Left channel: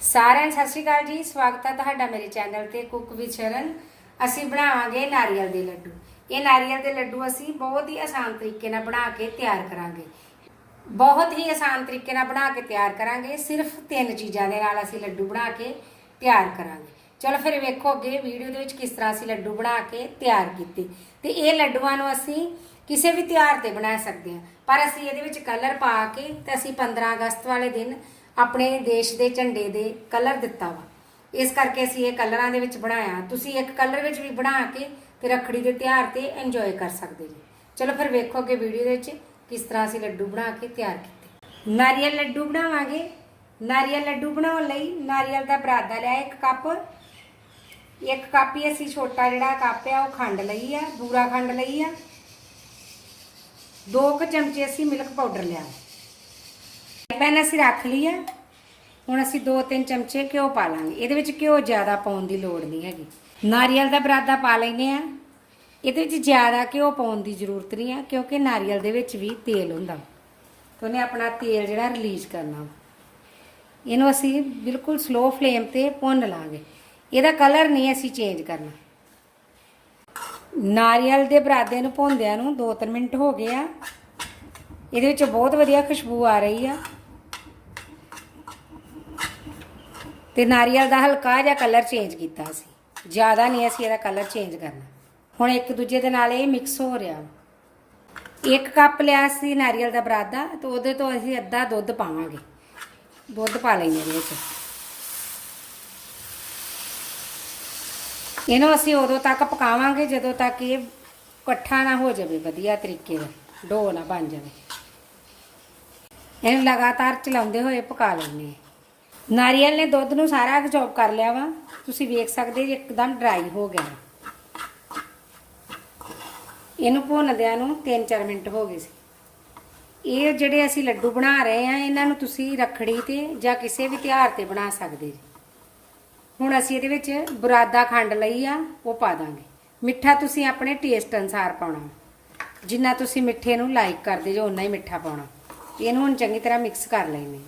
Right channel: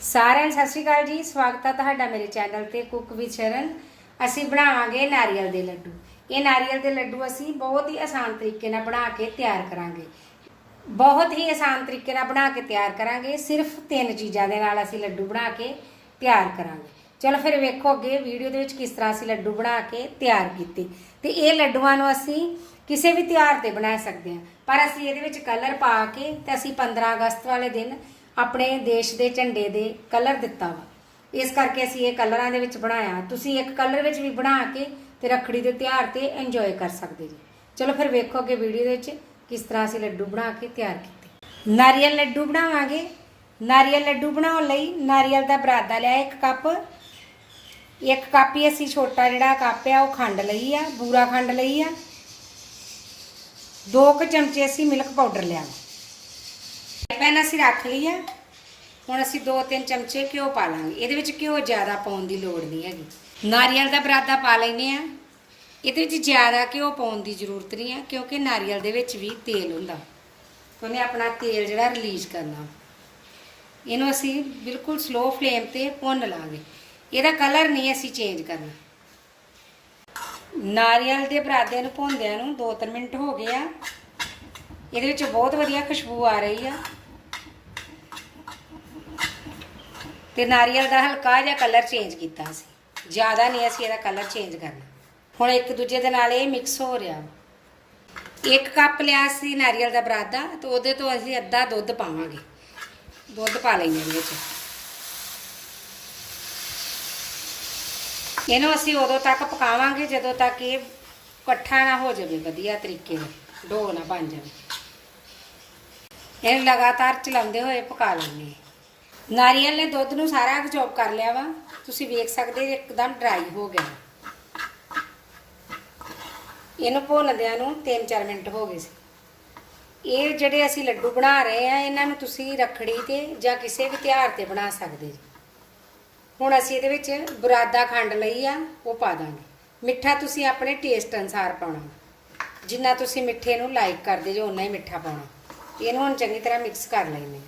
ਸਾਰਿਆਂ ਨੂੰ ਸਤਿ ਸ਼੍ਰੀ ਅਕਾਲ ਜੀ। ਸਵਾਗਤ ਹੈ ਤੁਹਾਡਾ ਮੇਰੇ ਚੈਨਲ ਤੇ ਕੁੱਕ ਵਿਦ ਸ਼ਰਨ। ਅਸੀਂ ਬਣਾਵਾਂਗੇ ਨਾਰੀਅਲ ਦੇ ਲੱਡੂ। ਇਹ ਨਾਰੀਅਲ ਦੇ ਲੱਡੂ ਅਸੀਂ ਬਹੁਤ ਹੀ ਆਸਾਨ ਤਰੀਕੇ ਨਾਲ ਬਣਾ ਕੇ ਤਿਆਰ ਕਰਾਂਗੇ। ਬਹੁਤ ਹੀ ਆਸਾਨ ਤਰੀਕੇ ਨਾਲ ਬਣਾ ਕੇ ਤਿਆਰ ਕਰਾਂਗੇ। ਸਿਰਫ ਤਿੰਨ ਚੀਜ਼ਾਂ ਦੇ ਨਾਲ ਅਸੀਂ ਲੱਡੂ ਬਣਾ ਕੇ ਤਿਆਰ ਕਰਾਂਗੇ। ਚਲੋ ਫਿਰ ਵੇਖੋ ਅੱਗੇ ਵੀਡੀਓ ਦੇ ਵਿੱਚ ਕਿਸ ਤਰ੍ਹਾਂ ਅਸੀਂ ਲੱਡੂ ਬਣਾ ਕੇ ਤਿਆਰ ਕੀਤੇ। ਤੇ ਇਹ ਲੱਡੂਆਂ ਨੂੰ ਅਸੀਂ ਕਿਸੇ ਵੀ ਤਿਉਹਾਰ ਤੇ ਬਣਾ ਸਕਦੇ ਹਾਂ। ਪਰ ਅਸੀਂ ਇਹਦੇ ਵਿੱਚ ਕਲਰ ਪਾ ਕੇ ਤੇ ਅਸੀਂ 15 ਅਗਸਤ ਵਾਲੇ ਦਿਨ ਆਪਣੇ ਦੇਸ਼ ਦੇ ਝੰਡੇ ਦੇ ਕਲਰ ਦਿੱਤਾ ਵਾ। ਇਸ ਕਰਕੇ ਅਸੀਂ ਇਹ ਕਲਰਾਂ ਦੇ ਵਿੱਚ ਬਣਾਇਆ। ਤੁਸੀਂ ਇੱਕ ਕਲਰ ਵਿੱਚ ਵੀ ਬਣਾ ਕੇ ਤੇ ਰੱਖੜੀ ਦੇ ਤਿਉਹਾਰ ਤੇ ਇੰਜੋਏ ਕਰ ਸਕਦੇ ਜੀ। ਚਲੋ ਫਿਰ ਵੇਖੋ ਅੱਗੇ ਵੀਡੀਓ ਦੇ ਵਿੱਚ ਕਿਸ ਤਰ੍ਹਾਂ ਅਸੀਂ ਲੱਡੂ ਬਣਾ ਕੇ ਤਿਆਰ ਕੀਤੇ। ਨਾਰੀਅਲ ਲੱਡੂ ਬਣਾਵਾਂਗੇ। ਨਾਰੀਅਲ ਲੱਡੂ ਬਣਾਉਣ ਲਈ ਨਾਰੀਅਲ ਦਾ ਬਰਾਦਾ ਲਿਆ ਇੱਕ ਕੱਪ। ਇੱਕ ਕੱਪ ਹੀ ਅਸੀਂ ਛੋਟਾ ਜਿਹੜਾ ਕੱਪ ਆ, ਉਹ ਖੰਡ ਲਈ ਆ, ਬੂਰਾ ਖੰਡ ਲਈ ਆ। ਦੋ ਕੁ ਚਮਚੇ ਅਸੀਂ ਮਿਲਕ ਪਾਊਡਰ ਲਿਆ। ਪੈਨ ਅਸੀਂ ਰੱਖ ਲਈ ਆ। ਹੁਣ ਅਸੀਂ 2-3 ਚਮਚੇ ਘਿਓ ਪਾ ਲਾਂਗੇ। ਇਹਦੇ ਵਿੱਚ ਘਿਓ ਜ਼ਿਆਦਾ ਪਾਉਣ ਦੀ ਲੋੜ ਨਹੀਂ ਹੈਗੀ। ਨਾਰੀਅਲ ਦਾ ਬਰਾਦਾ ਪਾ ਲੈਨੇ ਆ। ਇਹਦੇ ਵਿੱਚ ਜ਼ਿਆਦਾ ਘਿਓ ਪਾਉਣ ਦੀ ਜ਼ਰੂਰਤ ਨਹੀਂ ਹੈ ਕਿਉਂਕਿ ਨਾਰੀਅਲ ਦੇ ਵਿੱਚ ਵੀ ਤੇਲ ਹੁੰਦਾ। ਉਹਨੇ ਆਪਣਾ ਤੇਲ ਜਿਹੜਾ ਰਿਲੀਜ਼ ਕਰਨਾ। ਇਹਨੂੰ ਅਸੀਂ ਬਿਲਕੁਲ ਸਲੋ ਫਲੇਮ ਤੇ ਭੁੰਨ ਲਾਂਗੇ। ਇਹਦਾ ਕਲਰ ਨਹੀਂ ਅਸੀਂ ਚੇਂਜ ਕਰਨਾ। ਨਾਰੀਅਲ ਦੇ ਬਰਾਦੇ ਨੂੰ ਭੁੰਨਦਿਆਂ ਨੂੰ 2-3 ਮਿੰਟ ਹੋ ਗਏ ਆ। ਇਹਦੇ ਵਿੱਚ ਬਹੁਤ ਵਧੀਆ ਖੁਸ਼ਬੂ ਆ ਰਹੀ ਆ। ਤੇ ਨਾਰੀਅਲ ਦਾ ਹਲਕਾ ਜਿਹਾ ਕਲਰ ਚੇਂਜ ਕੀਤਾ ਸੀ। ਜ਼ਿਆਦਾ ਨਹੀਂ ਅਸੀਂ ਇਹਦਾ ਕਲਰ ਚੇਂਜ ਕਰਨਾ। ਹੁਣ ਇੱਕ ਦੂਜੇ ਦੇ ਨਾਲ ਇਹ ਮਿਕਸ ਹੋ ਰਿਹਾ। ਇੱਕ ਕੱਪ ਲਿਆ ਸੀ ਨਾਰੀਅਲ ਦਾ ਬਰਾਦਾ ਤੇ ਉਹਦੇ ਤੋਂ ਅਸੀਂ ਅੱਧਾ ਦੁੱਧ ਪਾਵਾਂਗੇ। ਦੁੱਧ ਪਾ ਲੈਣੇ ਇਹਦੇ ਵਿੱਚ। ਇਹਨੂੰ ਅਸੀਂ ਉਦੋਂ ਤੱਕ ਪਕਾਵਾਂਗੇ, ਜਦੋਂ ਤੱਕ ਇਹ ਪੱਠਾ ਨਾ ਹੋ ਜਾਵੇ ਵਧੀਆ ਤਰੀਕੇ ਨਾਲ, ਡੋ ਨਾ ਬਣ ਜਾਵੇ। ਇਹਨੂੰ ਲਗਾਤਾਰ ਚਲਾਉਂਦੇ ਹੋਏ ਪਕਾ ਲੈਣੇ ਨਾਰੀਅਲ ਨੇ ਦੁੱਧ ਨੂੰ ਸਾਰਾ ਅਬਜ਼ੌਰਬ ਕਰ ਲਿਆ ਵਾ। ਤੁਸੀਂ ਵੇਖ ਸਕਦੇ ਜੀ ਇੱਕਦਮ ਡਰਾਈ ਹੋ ਗਿਆ। ਇਹਨੂੰ ਭੁੰਨਦਿਆਂ ਨੂੰ 3-4 ਮਿੰਟ ਹੋ ਗਏ ਸੀ। ਇਹ ਜਿਹੜੇ ਅਸੀਂ ਲੱਡੂ ਬਣਾ ਰਹੇ ਆ, ਇਹਨਾਂ ਨੂੰ ਤੁਸੀਂ ਰੱਖੜੀ ਤੇ ਜਾਂ ਕਿਸੇ ਵੀ ਤਿਉਹਾਰ ਤੇ ਬਣਾ ਸਕਦੇ ਜੀ। ਹੁਣ ਅਸੀਂ ਇਹਦੇ ਵਿੱਚ ਬੁਰਾਦਾ ਖੰਡ ਲਈ ਆ, ਉਹ ਪਾ ਦਾਂਗੇ। ਮਿੱਠਾ ਤੁਸੀਂ ਆਪਣੇ ਟੇਸਟ ਅਨਸਾਰ ਪਾਉਣਾ। ਜਿੰਨਾ ਤੁਸੀਂ ਮਿੱਠੇ ਨੂੰ ਲਾਈਕ ਕਰਦੇ ਜੋ ਉਨਾ ਹੀ ਮਿੱਠਾ ਪਾਉਣਾ। ਇਹਨੂੰ ਹੁਣ ਚੰਗੀ ਤਰ੍ਹਾਂ ਮਿਕਸ ਕਰ ਲੈਣੇ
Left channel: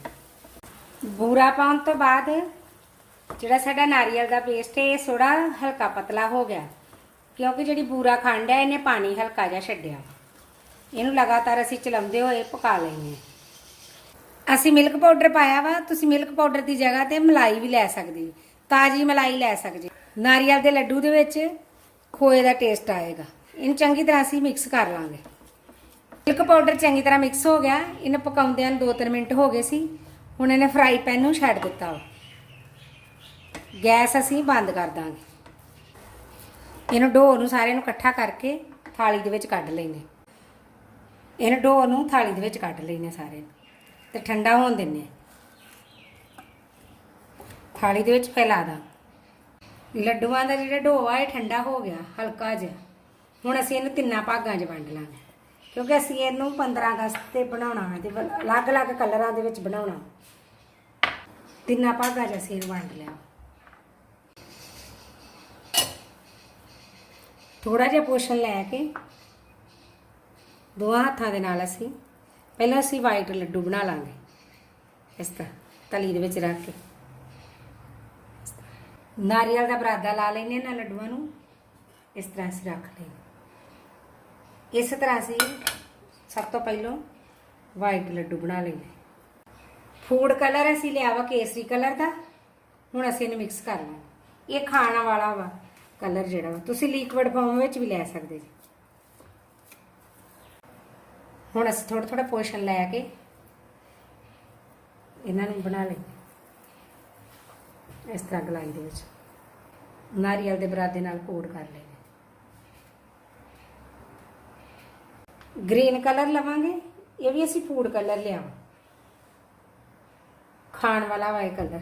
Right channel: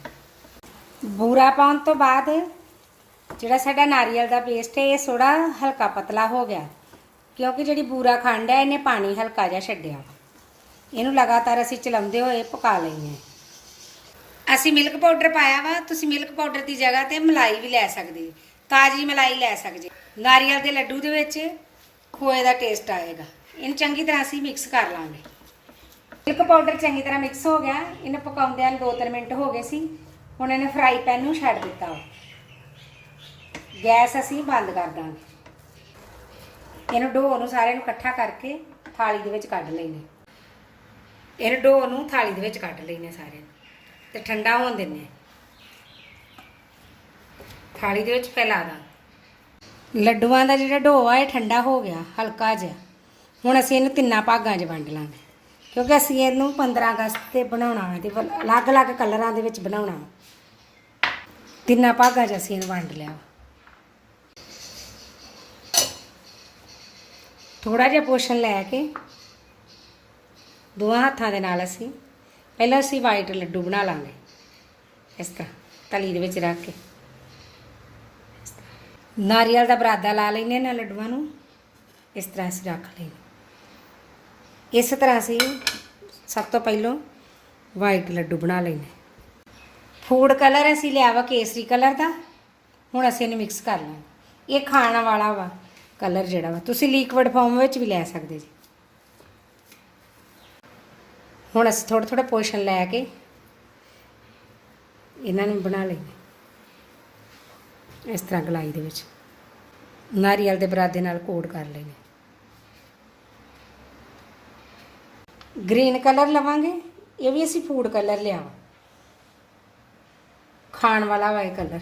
ਬੂਰਾ ਪਾਉਣ ਤੋਂ ਬਾਅਦ ਜਿਹੜਾ ਸਾਡਾ ਨਾਰੀਅਲ ਦਾ ਪੇਸਟ ਹੈ, ਇਹ ਥੋੜਾ ਹਲਕਾ ਪਤਲਾ ਹੋ ਗਿਆ। ਕਿਉਂਕਿ ਜਿਹੜੀ ਬੂਰਾ ਖੰਡ ਹੈ, ਇਹਨੇ ਪਾਣੀ ਹਲਕਾ ਜਿਹਾ ਛੱਡਿਆ। ਇਹਨੂੰ ਲਗਾਤਾਰ ਅਸੀਂ ਚਲਾਉਂਦੇ ਹੋਏ ਪਕਾ ਲੈਣੇ ਅਸੀਂ ਮਿਲਕ ਪਾਊਡਰ ਪਾਇਆ ਵਾ, ਤੁਸੀਂ ਮਿਲਕ ਪਾਊਡਰ ਦੀ ਜਗ੍ਹਾ ਤੇ ਮਲਾਈ ਵੀ ਲੈ ਸਕਦੇ ਤਾਜ਼ੀ ਮਲਾਈ ਲੈ ਸਕਦੇ ਨਾਰੀਅਲ ਦੇ ਲੱਡੂ ਦੇ ਵਿੱਚ ਖੋਏ ਦਾ ਟੇਸਟ ਆਏਗਾ। ਇਹਨੂੰ ਚੰਗੀ ਤਰ੍ਹਾਂ ਅਸੀਂ ਮਿਕਸ ਕਰ ਲਾਂਗੇ। ਮਿਲਕ ਪਾਊਡਰ ਚੰਗੀ ਤਰ੍ਹਾਂ ਮਿਕਸ ਹੋ ਗਿਆ। ਇਹਨੂੰ ਪਕਾਉਂਦਿਆਂ ਨੂੰ 2-3 ਮਿੰਟ ਹੋ ਗਏ ਸੀ। ਹੁਣ ਇਹਨੇ ਫਰਾਈ ਪੈਨ ਨੂੰ ਛੱਡ ਦਿੱਤਾ ਗੈਸ ਅਸੀਂ ਬੰਦ ਕਰ ਦਾਂਗੇ। ਇਹਨੂੰ ਢੋ ਨੂੰ ਸਾਰੇ ਨੂੰ ਇਕੱਠਾ ਕਰਕੇ ਥਾਲੀ ਦੇ ਵਿੱਚ ਕੱਢ ਲੈਣੇ ਇਹਨੂੰ ਡੋ ਨੂੰ ਥਾਲੀ ਦੇ ਵਿੱਚ ਕੱਢ ਲੈਣੇ ਸਾਰੇ ਨੂੰ ਤੇ ਠੰਡਾ ਹੋਣ ਦਿੰਨੇ ਥਾਲੀ ਦੇ ਵਿੱਚ ਫੈਲਾ ਦਾਂ। ਲੱਡੂਆਂ ਦਾ ਜਿਹੜਾ ਢੋ ਆ, ਇਹ ਠੰਡਾ ਹੋ ਗਿਆ, ਹਲਕਾ ਜਿਹਾ। ਹੁਣ ਅਸੀਂ ਇਹਨੂੰ ਤਿੰਨਾਂ ਭਾਗਾਂ 'ਚ ਵੰਡ ਲਾਂਗੇ। ਕਿਉਂਕਿ ਅਸੀਂ ਇਹਨੂੰ 15 ਅਗਸਤ ਤੇ ਬਣਾਉਣਾ ਹੈ ਤੇ ਅਲੱਗ-ਅਲੱਗ ਕਲਰਾਂ ਦੇ ਵਿੱਚ ਬਣਾਉਣਾ ਤਿੰਨਾਂ ਭਾਗਾਂ 'ਚ ਅਸੀਂ ਇਹਨੂੰ ਵੰਡ ਲਿਆ। ਥੋੜਾ ਜਿਹਾ ਪੋਸ਼ਨ ਲੈ ਕੇ ਦੋਹਾਂ ਹੱਥਾਂ ਦੇ ਨਾਲ ਅਸੀਂ, ਪਹਿਲਾਂ ਅਸੀਂ ਵਾਈਟ ਲੱਡੂ ਬਣਾ ਲਾਂਗੇ। ਇਸ ਤਰ੍ਹਾਂ, ਤਲੀ ਦੇ ਵਿੱਚ ਰੱਖ ਕੇ। ਨਾਰੀਅਲ ਦਾ ਬਰਾਦਾ ਲਾ ਲੈਨੇ ਨਾ ਲੱਡੂਆਂ ਨੂੰ। ਇਸ ਤਰ੍ਹਾਂ ਅਸੀਂ ਰੱਖ ਲੈਨੇ ਇਸ ਤਰ੍ਹਾਂ ਅਸੀਂ ਸਭ ਤੋਂ ਪਹਿਲਾਂ ਵਾਈਟ ਲੱਡੂ ਬਣਾ ਲੈਨੇ ਫੂਡ ਕਲਰ ਅਸੀਂ ਲਿਆ ਵਾ ਕੇਸਰੀ ਕਲਰ ਦਾ, ਹੁਣ ਅਸੀਂ ਇਹਨੂੰ ਮਿਕਸ ਕਰ ਲੈਣਾ ਇਹ ਖਾਣ ਵਾਲਾ ਵਾ ਕਲਰ ਜਿਹੜਾ ਵਾ। ਤੁਸੀਂ ਲਿਕਵਿਡ ਫਾਰਮ ਵਿੱਚ ਵੀ ਲੈ ਸਕਦੇ ਜੀ। ਹੁਣ ਅਸੀਂ ਥੋੜਾ ਥੋੜਾ ਪੋਸ਼ਨ ਲੈ ਕੇ ਇਹਨਾਂ ਨੂੰ ਬਣਾ ਲਈਏ ਇਸ ਤਰ੍ਹਾਂ ਗਲਾਈ ਦੇ ਵਿੱਚ। ਨਾਰੀਅਲ ਦੇ ਬਰਾਦੇ ਨਾਲ ਕੋਟ ਕਰ ਲੈਣੇ ਗ੍ਰੀਨ ਕਲਰ ਲਵਾਂਗੇ, ਇਹ ਵੀ ਅਸੀਂ ਫੂਡ ਕਲਰ ਲਿਆ ਖਾਣ ਵਾਲਾ ਵਾ ਇਹ ਕਲਰ,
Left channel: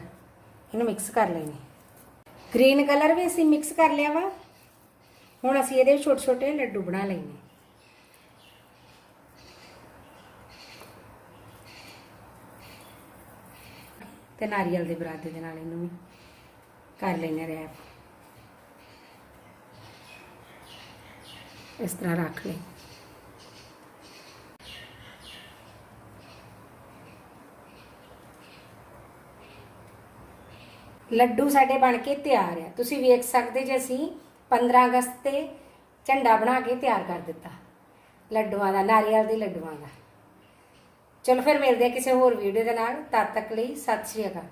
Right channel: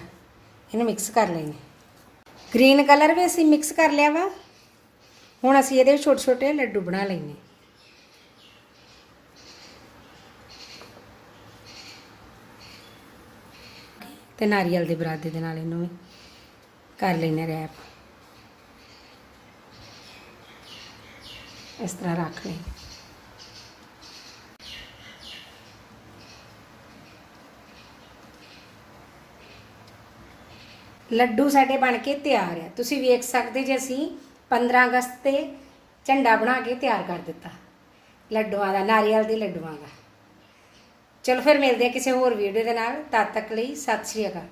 ਇਹਨੂੰ ਮਿਕਸ ਕਰ ਲੈਣੇ ਗ੍ਰੀਨ ਕਲਰ ਵੀ ਅਸੀਂ ਮਿਕਸ ਕਰ ਲਿਆ ਵਾ, ਹੁਣ ਅਸੀਂ ਇਹਦੇ ਛੋਟੇ ਛੋਟੇ ਲੱਡੂ ਬਣਾ ਲੈਣੇ ਤੇ ਨਾਰੀਅਲ ਦੇ ਬਰਾਦੇ ਦੇ ਨਾਲ ਇਹਨੂੰ ਵੀ ਕਰ ਲੈਣੇ ਰੈਪ ਇਸ ਤਰ੍ਹਾਂ ਰੱਖ ਲਈ ਲੱਡੂ ਸਾਡੇ ਬਣ ਕੇ ਤਿਆਰ ਆ। ਤੁਸੀਂ ਵੇਖ ਸਕਦੇ ਜੇ ਅਸੀਂ 15 ਅਗਸਤ ਤੇ ਝੰਡਾ ਬਣਾ ਕੇ ਤਿਆਰ ਕਰ ਦਿੱਤਾ। ਲੱਡੂਆਂ ਦਾ, ਨਾਰੀਅਲ ਦੇ ਲੱਡੂਆਂ ਦਾ। ਚਲੋ ਫਿਰ ਮਿਲਦੇ ਆ ਕਿਸੇ ਹੋਰ ਵੀਡੀਓ ਦੇ ਨਾਲ। ਤਦ ਤੱਕ ਲਈ ਸਤਿ ਸ਼੍ਰੀ ਅਕਾਲ।